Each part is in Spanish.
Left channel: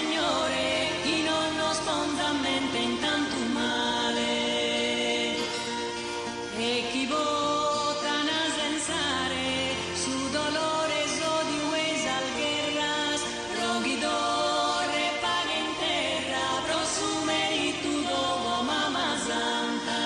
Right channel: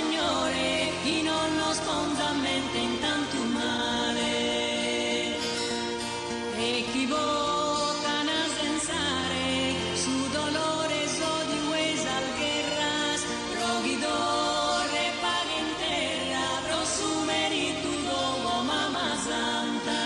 Signore, chi non nasconda mente in tanto male. E chi vota a sensare, su dolore so di huesal guerras, rogidore paga en terra, prosume y tu dogo mamá santa.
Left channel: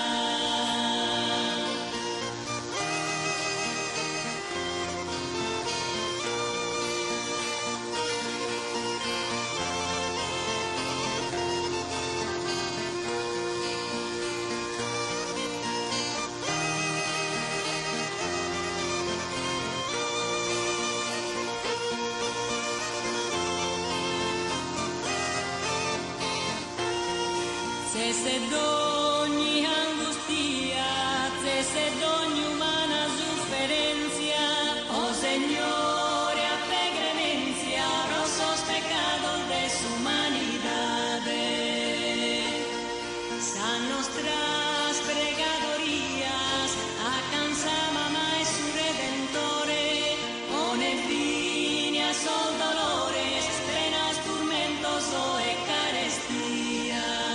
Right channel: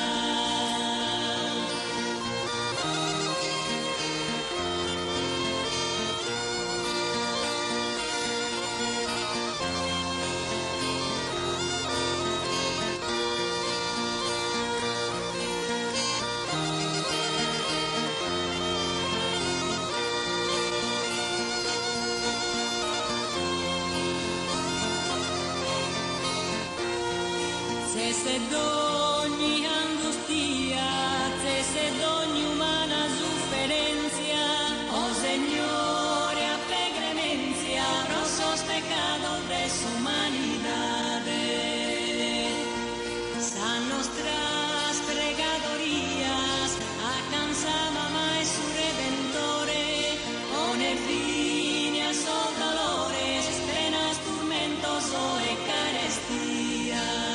Se d'ogni angustia, se d'ogni umana sofferencia, oh Señor, a clemencia, nuestros pecados de su humanidad. San nuestras pregadorías, alcanza mamá y su redentore, pone fin a sus dolores, penas, tormentos o eucaristías.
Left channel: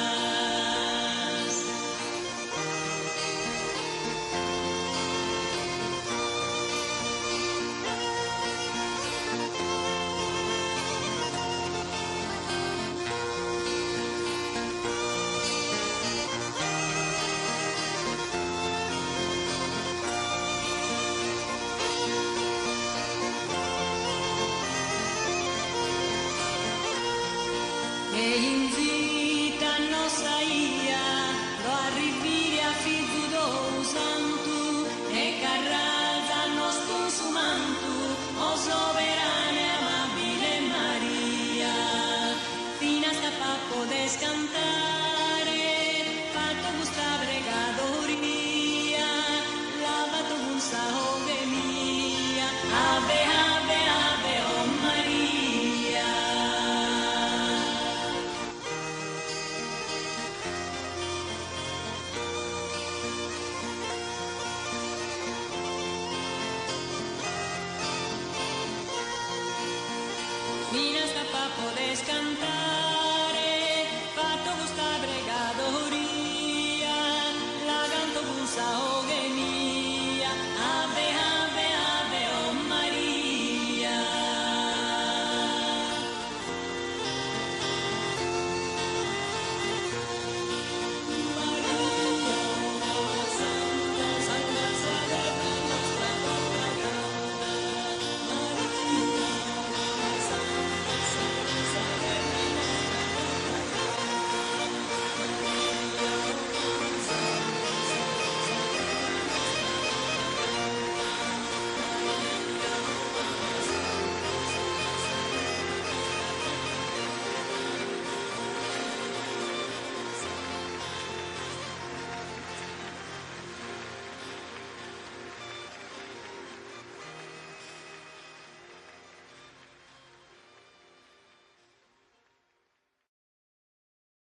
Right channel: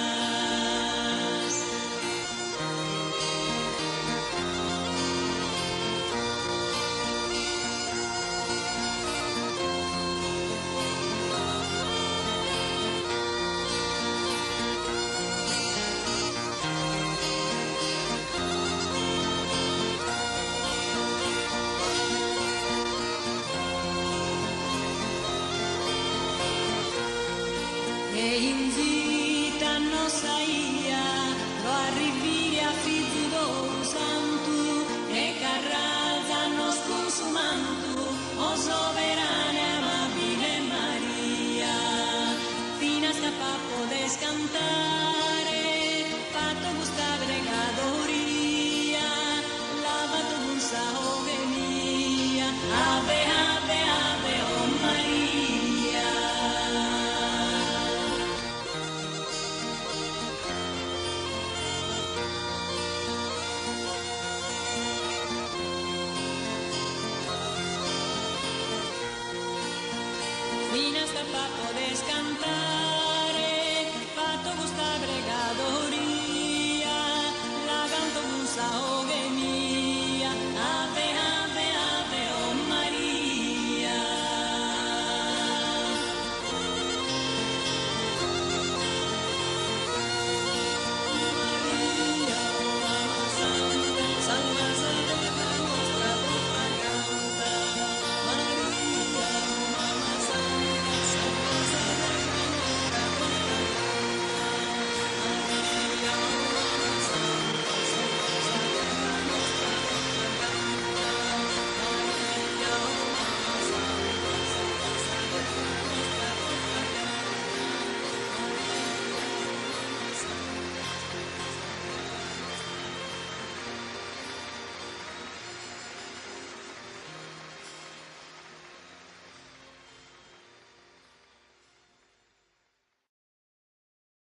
E invita-nos saia, pro arrivire a figlio do santo, e carralza-nos consumanto, o soberana amabile Maria. Fino a sta podes cantare, fatto gusta bregadoria, lavato gusta ogenia, ave, ave, ave, oh Maria. Fino hasta podes cantare, fatto gusta bregadoria, la canto gusta ogenia, ave